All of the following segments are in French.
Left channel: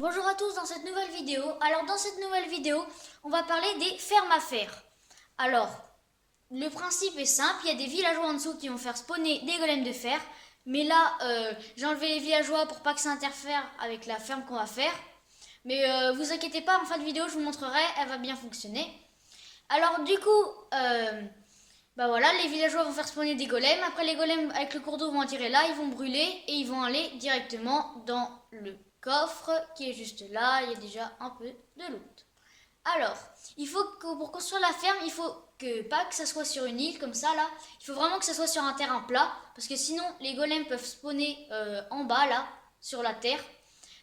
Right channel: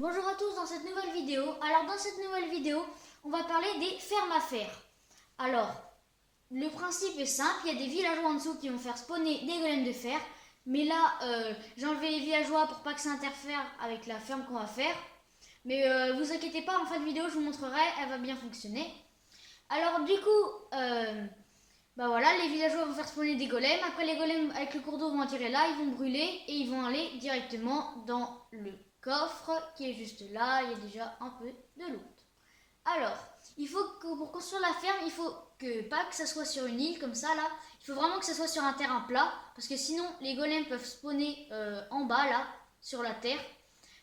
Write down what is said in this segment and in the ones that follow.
Bonjour à tous dans cette nouvelle vidéo. Alors dans cette nouvelle vidéo, on va parler des fermes à fer. Alors, le principe est simple, il y a des villageois en dessous qui vont faire spawner des golems de fer. Mais là, j'ai enlevé les villageois pour pas que ça interfère avec la ferme qu'on va faire. Mais vous inquiétez pas, en fin de vidéo je vous montrerai, elle va bien fonctionner. Alors du coup, voilà, les villageois vont faire spawner des golems. Après les golems avec le cours d'eau vont attirer là, ils vont brûler et ils vont aller directement dans le coffre qui est juste là. Il y a déjà un peu de loot. Alors, il faut que pour construire la ferme, il faut pas que ça soit sur une île comme ça là. Il faut vraiment que ça soit sur un terrain plat parce que sinon les golems peuvent spawner en bas là, sur la terre.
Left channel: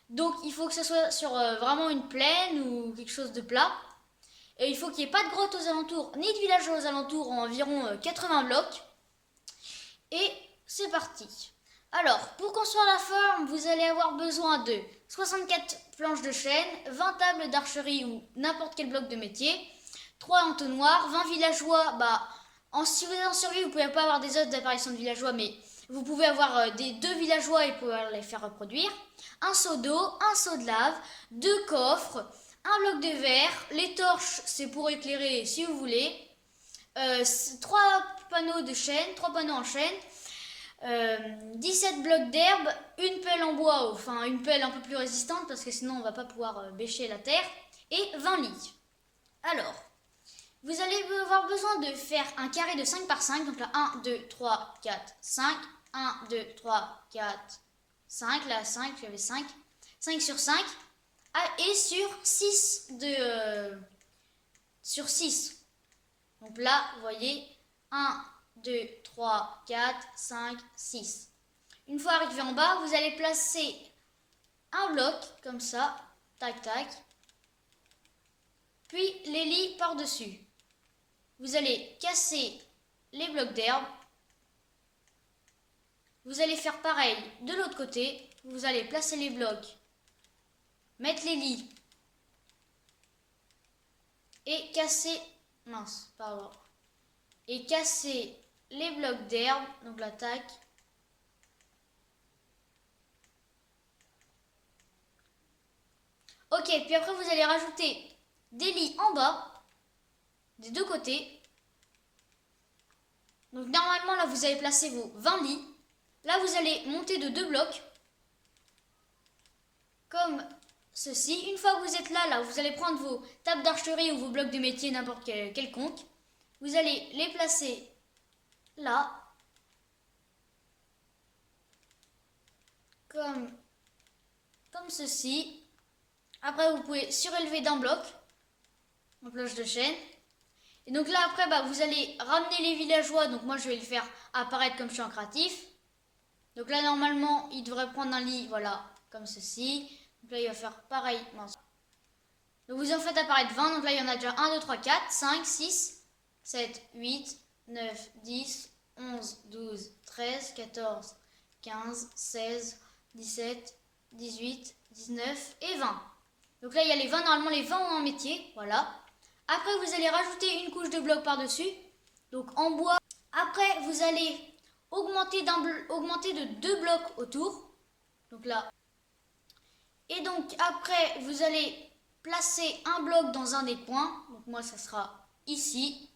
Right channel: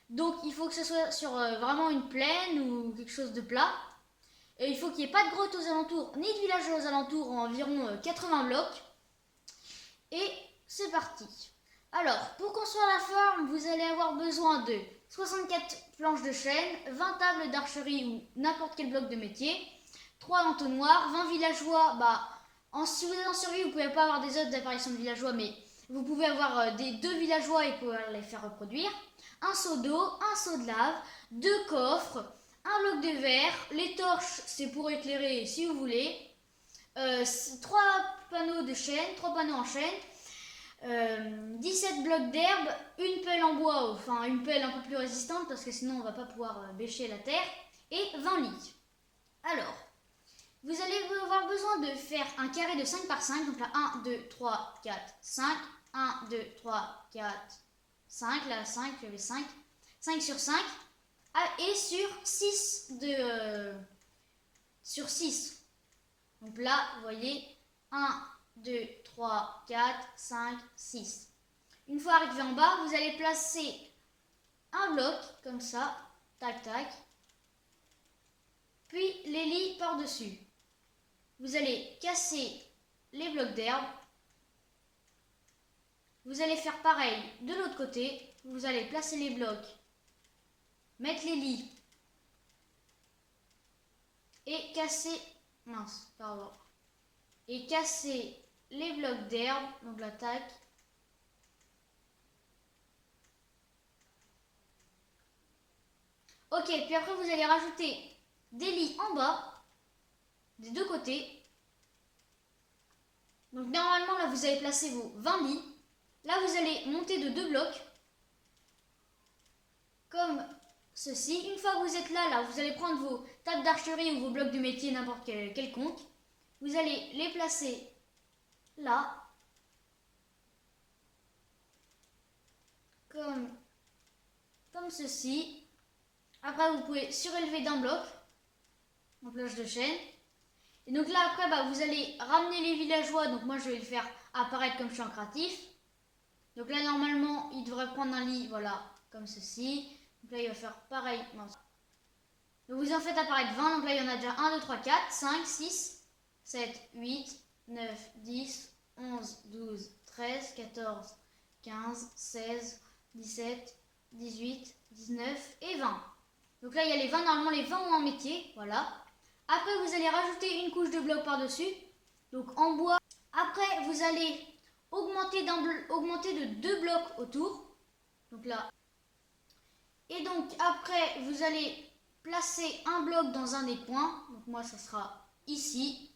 Donc il faut que ça soit sur vraiment une plaine ou quelque chose de plat. Et il faut qu'il n'y ait pas de grotte aux alentours, ni de village aux alentours, en environ 80 blocs. Et c'est parti. Alors, pour construire la ferme, vous allez avoir besoin de 64 planches de chêne, 20 tables d'archerie ou n'importe quel bloc de métier, 3 entonnoirs, 20 villageois. Si vous êtes en survie, vous ne pouvez pas avoir des autres apparitions de villageois, mais vous pouvez avoir des 2 villageois et pouvoir les faire reproduire. Un seau d'eau, un seau de lave, 2 coffres, un bloc de verre, les torches c'est pour éclairer si vous voulez, 3 panneaux de chêne, 3 panneaux en chêne, 17 blocs d'herbe, une pelle en bois, enfin une pelle un peu plus résistante parce que sinon on va pas pouvoir bêcher la terre, et 20 lits. Alors, vous allez avoir besoin de faire un carré de 5 par 5, donc là 1, 2, 3, 4, 5, 1, 2, 3, 4, 5, là 5, j'avais 5, 5 sur 5, et sur 6 sur 6. Donc là, vous voyez, 1, 2, 3, 4, 5, 6. Une fois arrivé en bas, vous allez placer un bloc, comme ça, tac, tac, puis les lits par-dessus. Vous allez casser les blocs d'herbe. Vous allez faire pareil de l'autre côté. Vous allez placer les blocs, mettre les lits et casser, et casser les blocs d'herbe, donc l'attaque. Ok, puis après vous allez rajouter des lits en bas, des deux côtés. Donc normalement là vous avez placé vos 20 lits. Là vous allez monter de 2 blocs, comme ceci. Une fois que vous êtes là, vous allez prendre vos tables d'archerie ou vos blocs de métier, n'importe quelconque. Vous allez les placer là, comme ceci. Après, vous pouvez surélever d'un bloc en planche de chêne. Et donc là, après, vous allez ramener les villageois. Donc moi, je vais le faire apparaître comme champ créatif. Donc là, normalement, il devrait prendre un lit, voilà, comme ceci. Donc là, il va faire pareil. Donc vous en faites apparaître 20. Donc là, il y en a déjà 1, 2, 3, 4, 5, 6, 7, 8, 9, 10, 11, 12, 13, 14, 15, 16, 17, 18, 19 et 20. Donc là, il y a les 20, normalement les 20 ont un métier, voilà. Après, vous allez rajouter une couche de blocs par-dessus, donc en bois. Après, vous allez augmenter de 2 blocs autour, donc là. Et donc après, vous allez placer un bloc dans un des points, donc moi, ça sera ici.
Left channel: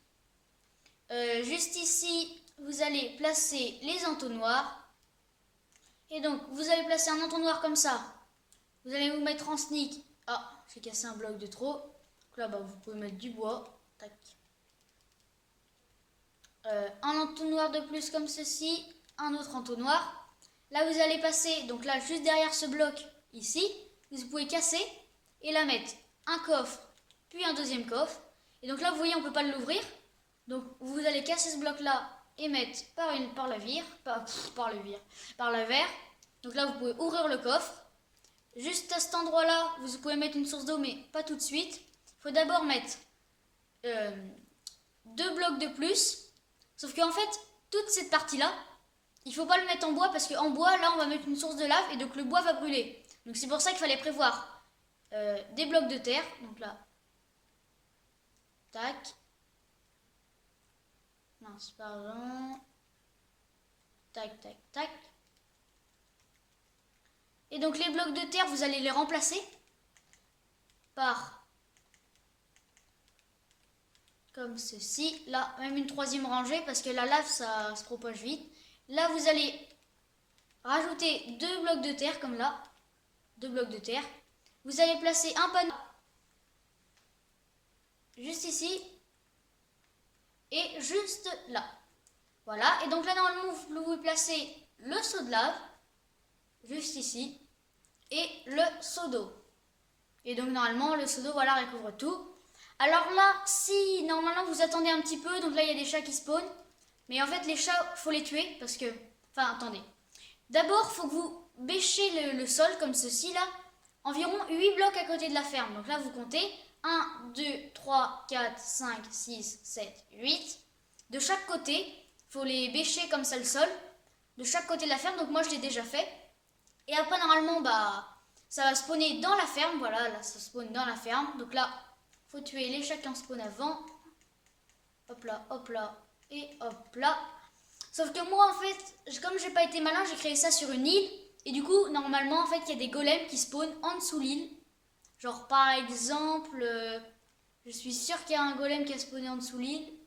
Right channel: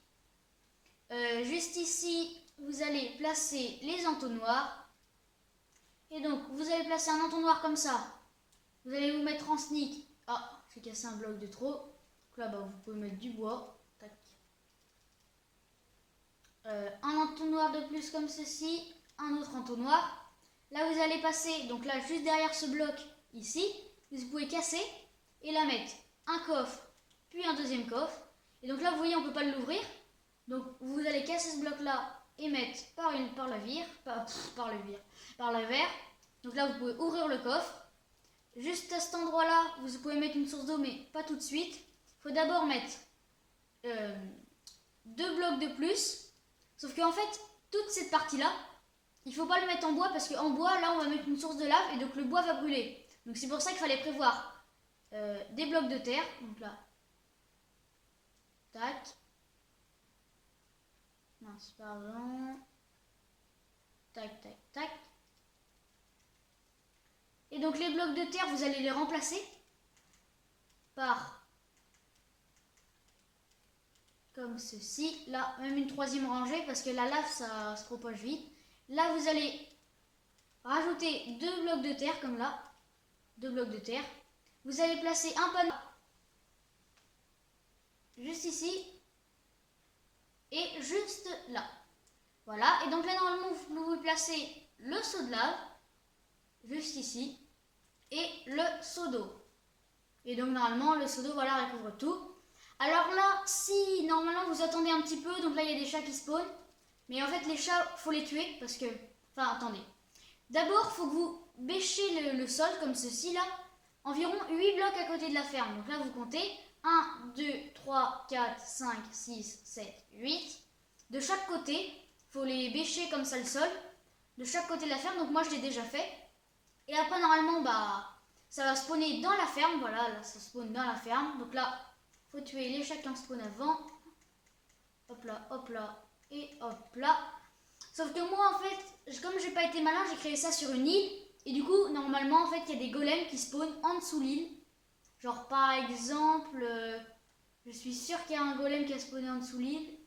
Juste ici, vous allez placer les entonnoirs. Et donc, vous allez placer un entonnoir comme ça. Vous allez vous mettre en sneak. Ah, j'ai cassé un bloc de trop. Donc là, vous pouvez mettre du bois. Tac. Un entonnoir de plus comme ceci. Un autre entonnoir. Là, vous allez passer, donc là, juste derrière ce bloc, ici. Vous pouvez casser et là mettre un coffre, puis un deuxième coffre. Et donc là, vous voyez, on ne peut pas l'ouvrir. Donc, vous allez casser ce bloc-là et mettre par le verre. Donc là, vous pouvez ouvrir le coffre. Juste à cet endroit-là, vous pouvez mettre une source d'eau, mais pas tout de suite. Il faut d'abord mettre 2 blocs de plus. Sauf qu'en fait, toute cette partie-là, il ne faut pas le mettre en bois parce qu'en bois, là, on va mettre une source de lave et donc le bois va brûler. Donc c'est pour ça qu'il fallait prévoir des blocs de terre. Donc là, tac. Mince, pardon. Tac, tac, tac. Et donc les blocs de terre, vous allez les remplacer. par comme ceci. Là, même une troisième rangée parce que la lave, ça se propage vite. Là, vous allez rajouter 2 blocs de terre comme là. 2 blocs de terre. Vous allez placer un panneau juste ici et juste là. Voilà. Et donc là, normalement, vous placez le seau de lave juste ici et le seau d'eau. Et donc normalement, le seau d'eau, voilà, recouvre tout. Alors là, si normalement vous attendez un petit peu, donc là il y a des chats qui spawnent. Mais en fait, les chats, faut les tuer parce que... Enfin, attendez. D'abord, il faut que vous bêchez le sol comme ceci là. Environ 8 blocs à côté de la ferme. Donc là, vous comptez 1, 2, 3, 4, 5, 6, 7, 8. De chaque côté, il faut les bêcher comme ça le sol. De chaque côté de la ferme. Donc moi, je l'ai déjà fait. Et après, normalement, ça va spawner dans la ferme. Voilà, là, ça spawn dans la ferme. Donc là, il faut tuer les chats qui en spawn avant. Hop là, et hop là. Sauf que moi, en fait, comme j'ai pas été malin, j'ai créé ça sur une île. Et du coup, normalement, en fait, il y a des golems qui spawnent en dessous l'île. Genre, par exemple, je suis sûre qu'il y a un golem qui a spawné en dessous l'île.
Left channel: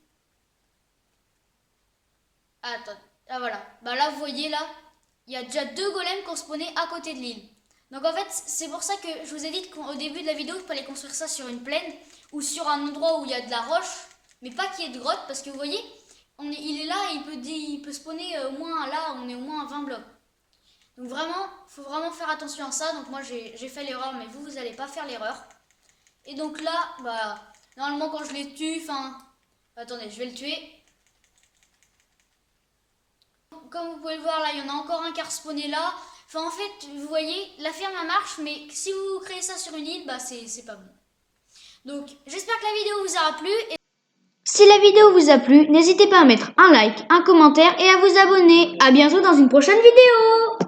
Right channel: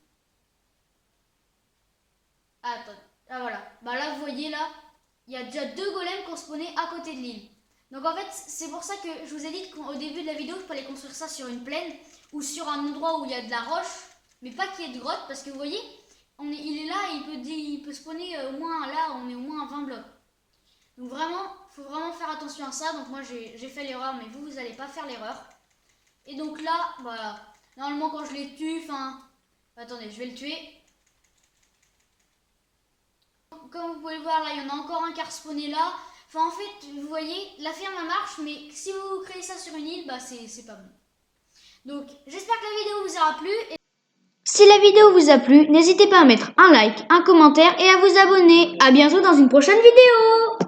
Ah, attends, ah voilà. Là, vous voyez, là, il y a déjà 2 golems qui ont spawné à côté de l'île. Donc, en fait, c'est pour ça que je vous ai dit qu'au début de la vidéo, je peux aller construire ça sur une plaine ou sur un endroit où il y a de la roche, mais pas qu'il y ait de grotte, parce que vous voyez, il est là et il peut spawner au moins là, on est au moins à 20 blocs. Donc vraiment, il faut vraiment faire attention à ça. Donc moi j'ai fait l'erreur, mais vous n'allez pas faire l'erreur. Et donc là, normalement quand je les tue, attendez, je vais le tuer. Comme vous pouvez le voir là, il y en a encore un qui a respawné là. En fait, vous voyez, la ferme elle marche, mais si vous créez ça sur une île, c'est pas bon. Donc j'espère que la vidéo vous aura plu. Si la vidéo vous a plu, n'hésitez pas à mettre un like, un commentaire et à vous abonner. À bientôt dans une prochaine vidéo.